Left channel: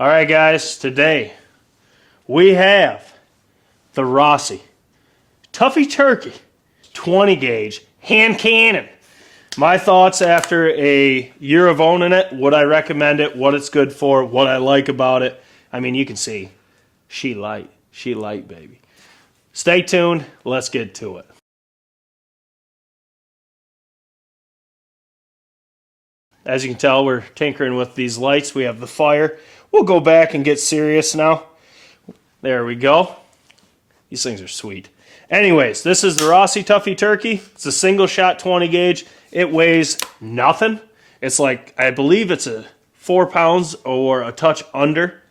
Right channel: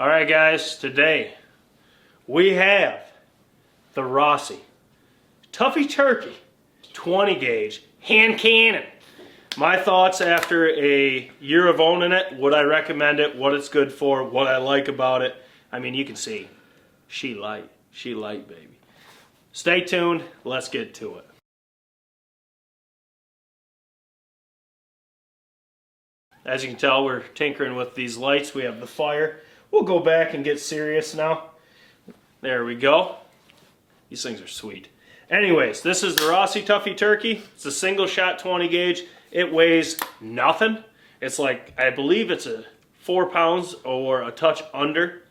All right, guys, today we have the Rossi Tuffy Turkey 20 gauge hand cannon. My thoughts after a year of owning it, would I recommend it, what it's good for, what I like about it. I mean, you can see, she light, baby. Stay tuned, let's get to it. As you can tell, we're tinkering with these lights. We have the fire. We'll go back and get serious now. There we go. These things are sweet. Anyways, this is the Rossi Tuffy Turkey. It's a single shot 20 gauge. It weighs nothing. It's like, I believe it's a 4 pounds or a touch under.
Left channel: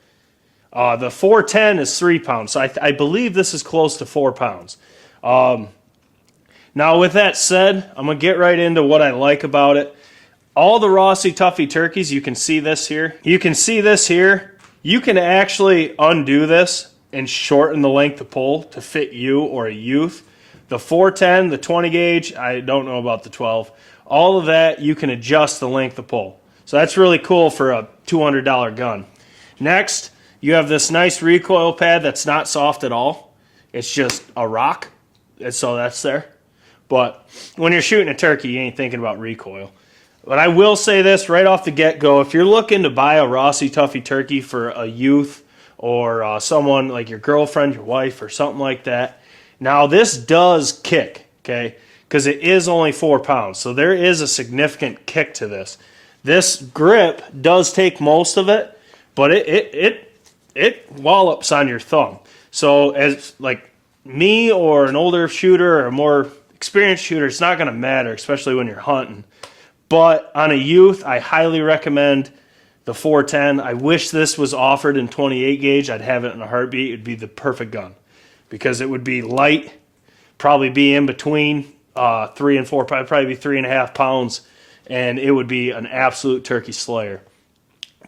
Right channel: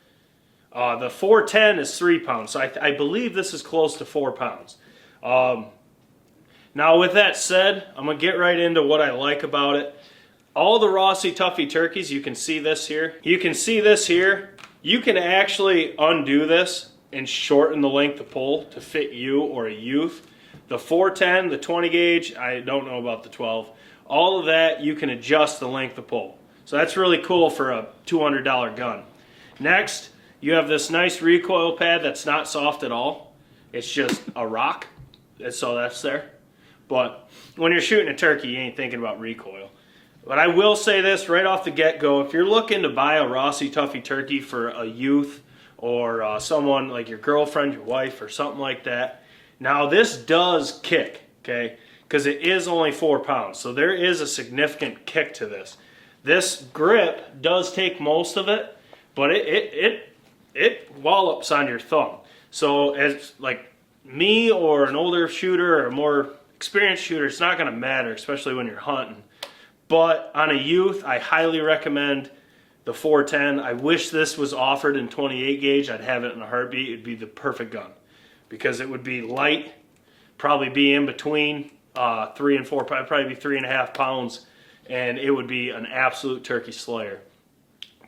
The 410 is 3 pounds. So I believe this is close to 4 pounds. Now with that said, I'm going to get right into what I like about it. All the Rossi Tuffy turkeys, you can see this here. You can see this here. You can actually undo this and shorten the length of pole to fit you or a youth. The 410, the 20 gauge, I don't know about the 12. All of that, you can adjust the length of pole. So that's really cool for a $200 gun. Next, you have this nice recoil pad that's not soft at all. It's just a rock, and so that's there. But when you're shooting a turkey, you ain't thinking about recoil. But I will say this right off the get-go, if you're looking to buy a Rossi Tuffy turkey for a youth or someone like your girlfriend, your wife, or something like that, now this does kick, okay, because it is only 4 pounds, so there is a significant kick to this. This grip does take most of it, but it wallops on your thumb. So as like me or an older shooter or a more experienced shooter, it's not going to matter, especially when you're hunting. But on a youth, I highly recommend the 410. I wish this was offered in 28 gauge. I'd have it in a heartbeat. It'd be the perfect gun because it would be light, probably be in between 3 and 4, probably be 3.5 pounds, and it would be an absolute turkey slayer.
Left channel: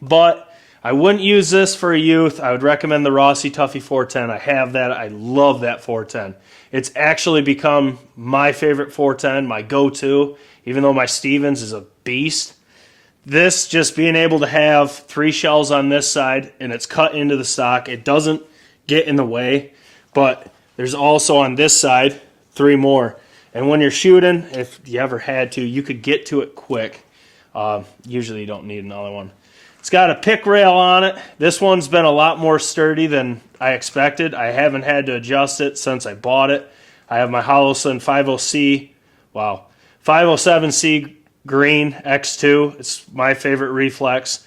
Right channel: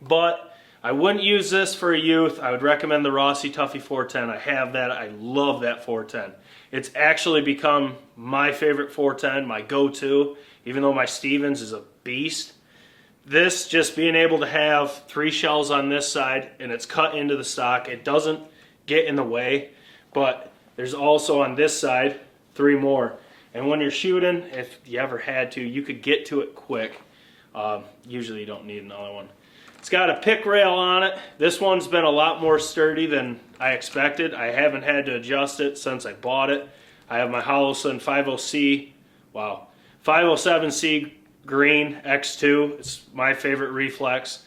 But I wouldn't use this for a youth. I would recommend the Rossi Tuffy 410. I have that. I love that 410. It's actually become my favorite 410, my go-to. Even though my Stevens is a beast, this just being able to have 3 shells on this side and it's cut into the stock, it doesn't get in the way, but there's also on this side 3 more. And when you're shooting, if you ever had to, you could get to it quick. Usually you don't need another one. It's got a pick rail on it. This one's been a lot more sturdy than I expected. I haven't had to adjust it since I bought it. I have my Holosun 50C. Wow. 507C green X2. It's my favorite reflex.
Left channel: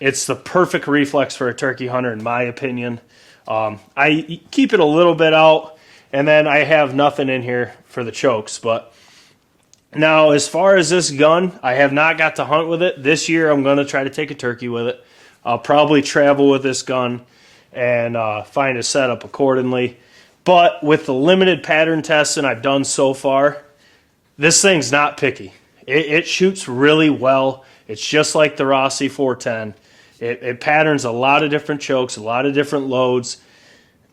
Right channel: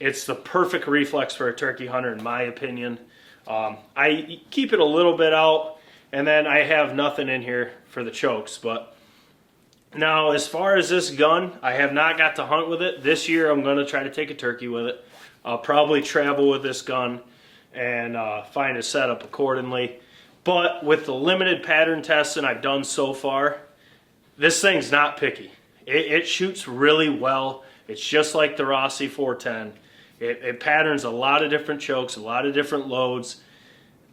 It's the perfect reflex for a turkey hunter in my opinion. I keep it a little bit out and then I have nothing in here for the chokes. But now as far as this gun, I have not got to hunt with it. This year I'm going to try to take a turkey with it. I'll probably travel with this gun and find a setup accordingly. But with the limited pattern testing I've done so far, this thing's not picky. It shoots really well. It's just like the Rossi 410. It patterns a lot of different chokes, a lot of different loads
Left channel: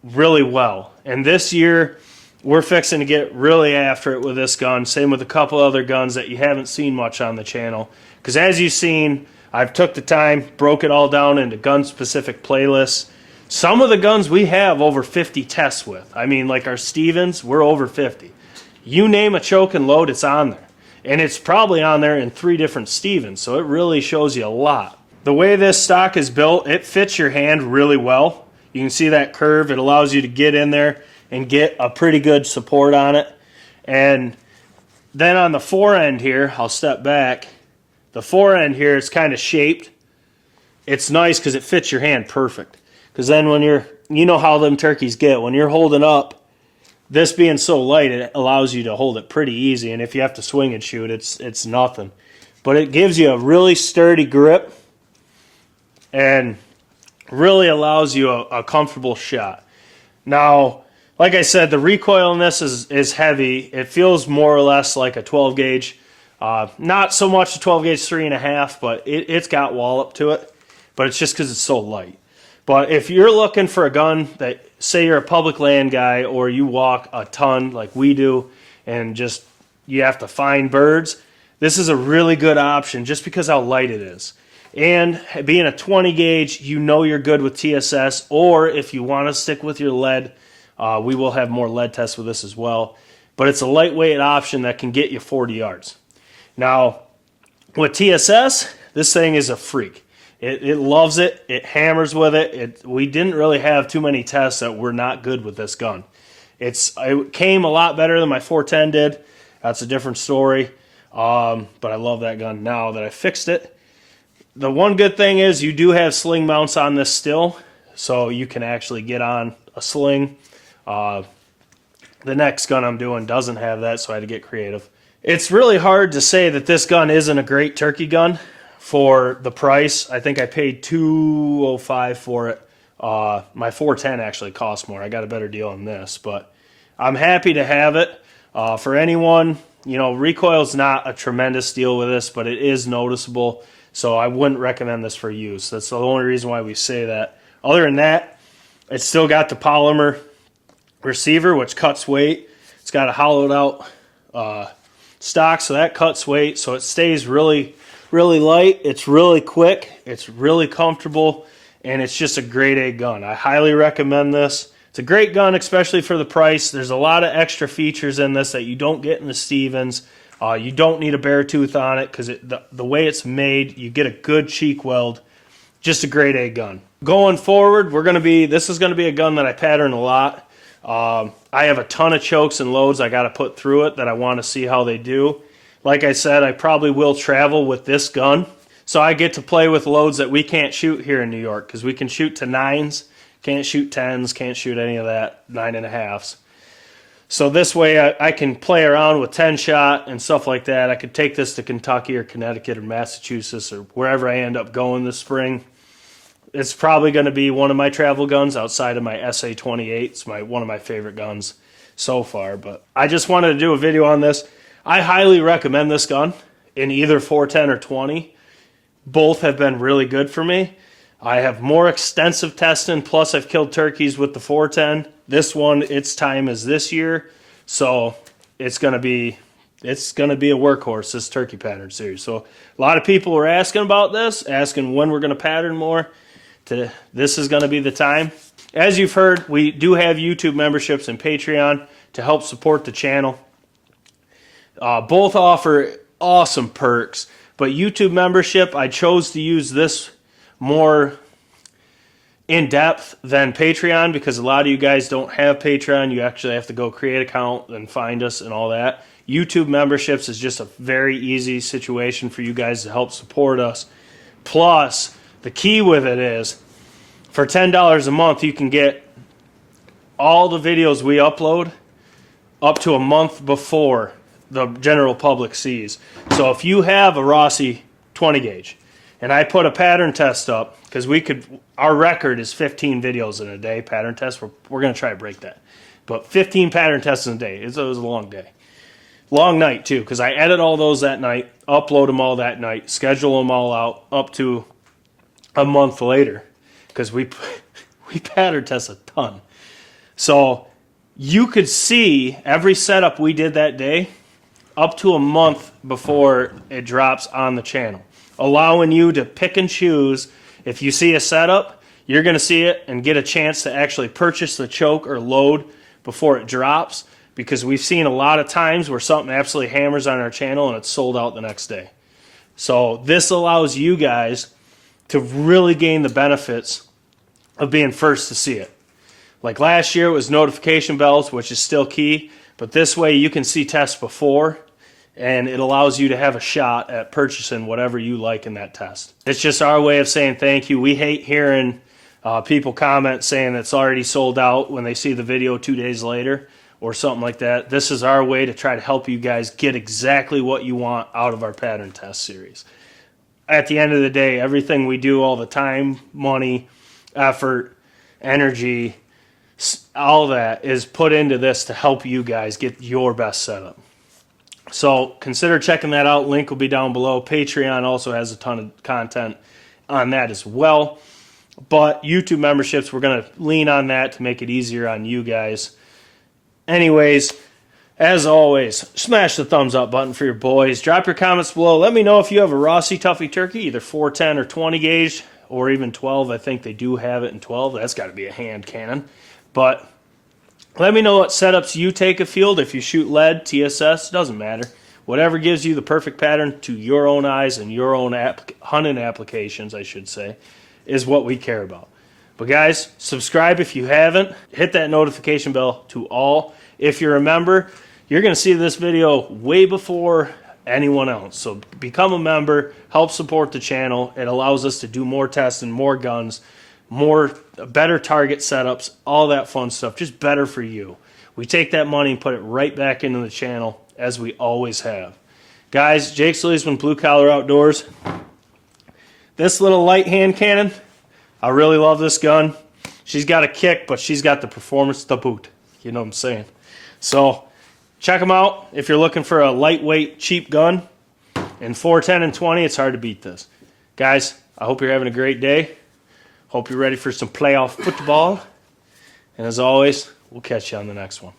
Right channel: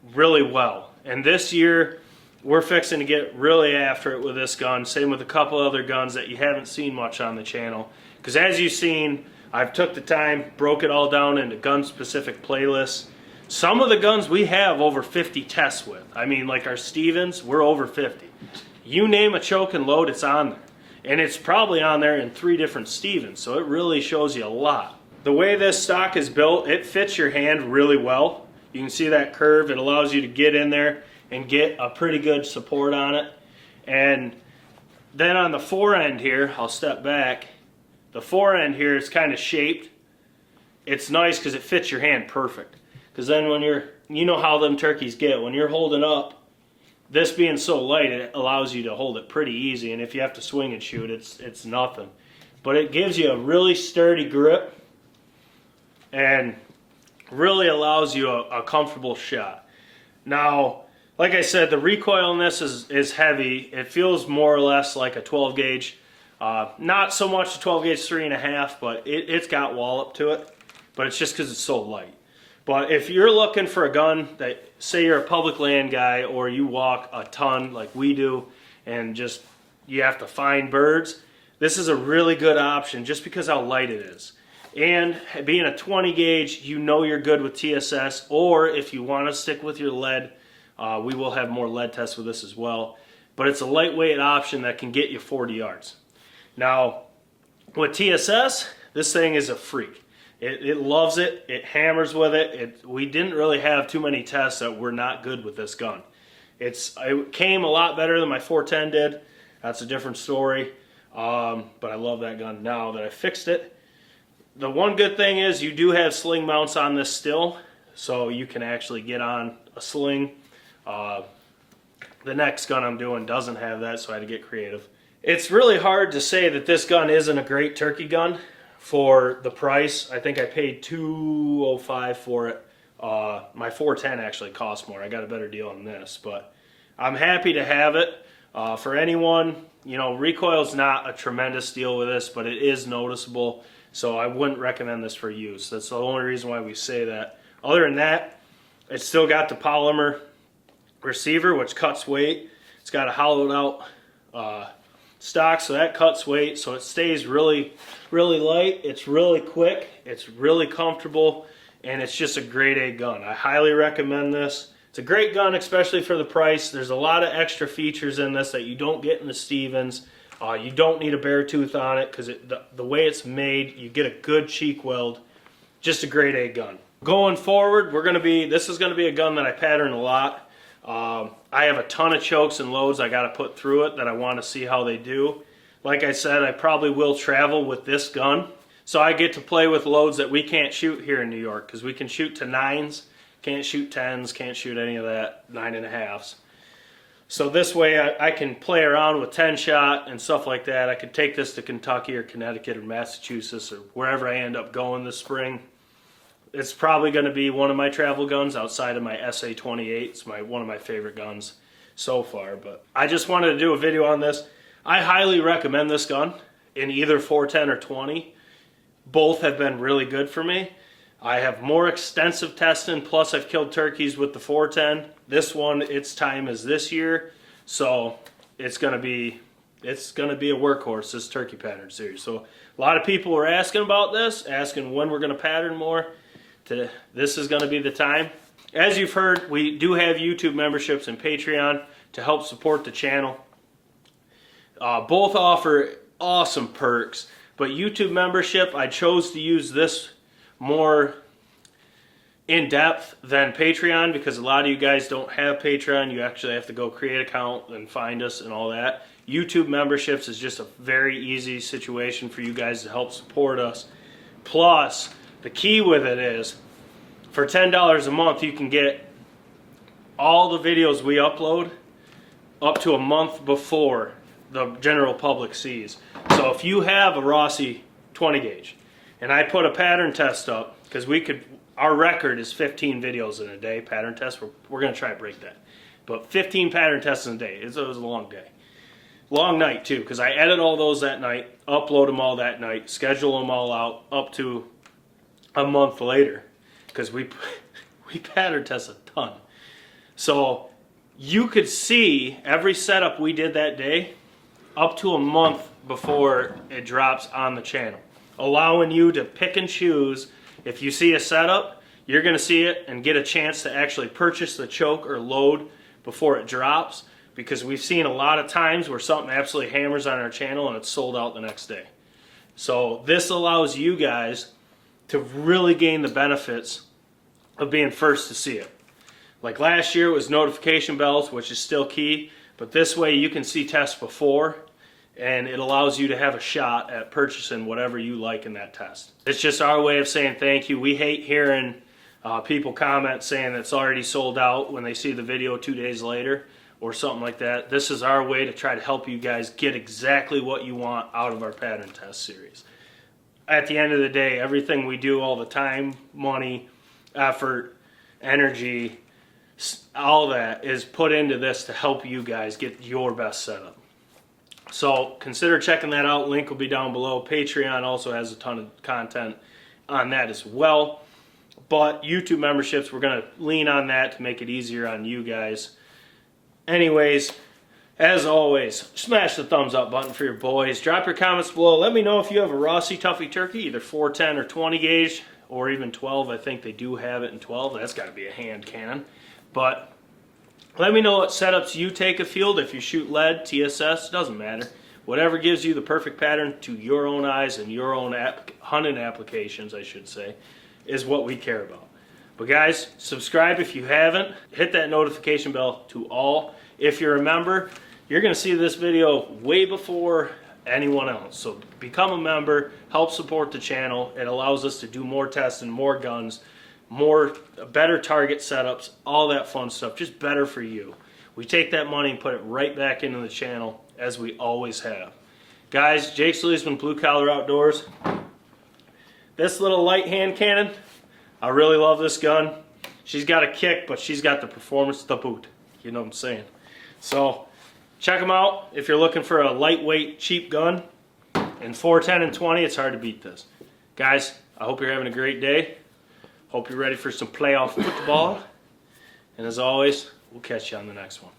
really well. And this year, we're fixing to get really after it with this gun. Same with a couple other guns that you haven't seen much on the channel. Because as you've seen, I've took the time, broke it all down into gun-specific playlists. Some of the guns we have over 50 tests with. I mean, like our Stevens, we're over 50. You name a choke and load, it's on there. And it's probably on there in 3 different Stevens, so it really shows you a lot. The way this stock is built, it fits your hand really well. You can see that curve. It allows you to get in there and get a pretty good support on it. And then on the forend here, I'll step back. The forend here is kind of shaped. It's nice because it fits your hand perfect. Because then when you're, you know how them turkeys get, when you're holding up, this being so light, it allows you to hold it pretty easy, and if you have to swing and shoot, it's nothing. But it gives you a really sturdy grip and really allows you a comfortable shot. Now, like I said, the recoil in this is heavy. It feels more or less like a 12 gauge. Not so much a 12 gauge 3.5, but it's got wallop to it, but it's just because it's so light. But if you're looking for a gun that, say you're a public land guy or you walk a ton like we do and just you have to find birds, this is a really good option just because how light it is. And being a 20 gauge, you know you're good with TSS, or if you want to stick with your lead, we will have more lead tests with this as well. But it's a lightweight option that can get you 40 yards. Now, with TSS, this thing is a freak. It loves it. It hammers with it. We didn't really have too many tests that were not good with this gun. It came a lot better than my 410 did. That's a different story. But I love that gun now that I fixed it. The one good thing is you do have sling mounts on this still, so you can actually get on a sling. The next gun I'm doing doesn't have that, so I had to get creative. It's really hard to say that this gun isn't a great turkey gun for the price. I think I paid $205 for it. My 410 actually cost more. I got a better deal on this, but I'm happy to have it. For anyone, you know, recoil's not a tremendous deal with this, but it is noticeable. So I wouldn't recommend this for use. That's the only reason why we say that. Other than that, it's still got the polymer receiver, which cuts weight. It's got a hollowed out stock, so that cuts weight. So it stays really, really light. It's really quick. It's really comfortable, and it's just a grade A gun. I highly recommend this. It's a great gun, especially for the price. There's a lot of extra features in this that you don't get in the Stevens. You don't need a bare tooth on it because the way it's made, you get a good cheek weld. Just a grade A gun. Going forward, this is gonna be a gun that I pattern a lot. I have a ton of chokes and loads I got to put through it that I want to see how they do. Like I said, I probably will travel with this gun, so I get to play with loads that we can't shoot here in New York because we can shoot to 9s, can't shoot 10s, can't shoot any of that 9.5s. So this way I can play around with 10 shot and stuff like that. I could take this to Kentucky or Connecticut or Massachusetts or wherever I end up going this spring. It's probably going to be one of my travel guns outside of my SA-28. It's one of my favorite guns so far. But I just wanted to do a video on this. I highly recommend this gun in either 410 or 20. Both have been really good for me. I have more extensive testing, plus I've killed turkeys with the 410. This one, its time is this year, so it's gonna be a workhorse, this turkey pattern series. So a lot of people were asking about this, asking when we're gonna pattern more. This is gonna be the time. As you've heard, we do have YouTube memberships and Patreon to help support the channel. Both offer awesome perks, but YouTube membership, I chose to use this more in depth than Patreon because a lot of you guys don't have Patreon. You actually have to go create an account and find us and all that. YouTube memberships is just a very easy situation for you guys to help support us. Plus, the key with it is for $10 a month, you can get all the videos we upload up to a month before the general public sees. So if you have a Rossi 20 gauge and I put a pattern test up, because our record is 15 videos in a day, pattern tests. We're going to try to break that. But 15 pattern tests in a day. It was a long day. Long night, too, because I edit all those that night, upload them all that night, schedule them all out up to a month later, because we pattern test a ton. So you could see every setup we did that day up to a month before it drops on the channel, allowing you to pick and choose. If you see a setup, you're going to see it and get a chance to actually purchase the choke or load before it drops, because we've seen a lot of times where something absolutely hammers on our channel and it's sold out the next day. So this allows you guys to really gain the benefits of being first to see it. Like last year, it was notification bells, which is still key, but this way you can see tests before, and it allows you to have a shot at purchasing whatever you like in that test. It's just our way of saying thank you. We hate hearing people comment saying it's already sold out when they see the video 2 days later or something like that. This is our way to try to help you guys get exactly what you want out of our pattern test series. At the end of the day, everything we do, all the time, money, effort, energy, all that is put into this to help you guys get your best setup. So consider checking that out. Link will be down below. Patreon also has a ton of content on that as well. But YouTube memberships, we're going to lean on that to make it easier on you guys. Anyways, As always, smash the thumbs up button for your boys. Drop your comments below. Let me know if you have a Rossi Tuffy turkey, either 410 or 20 gauge, or even 12. I think they do have it in 12. That's got to be a hand cannon. But let me know what setups you take a field. If you shoot lead, TSS, doesn't matter. Whatever gives you the perfect pattern to your own eyes and your own hunting applications, I should say, is what we care about. But guys, subscribe if you haven't. Hit that notification bell to all. If you're a member, you're going to see this video way before anyone else. So become a member, help support the channel. It allows us to do more tests and more guns, better target setups, all that fun stuff. Just better for you. We take that money and put it right back into the channel, as we always have. Guys, Jake Sleesman, Blue Collar Outdoors. This little light hand cannon, I really love this gun. She's got a kick, but she's got the performance to boot. You know what I'm saying? So check them out if you're looking for a lightweight, cheap gun. And 410 and 20, it's hard to beat this. Guys, I hope you're having a great day. Hope you're ready for some playoff football. And as always, we'll catch you on the next one.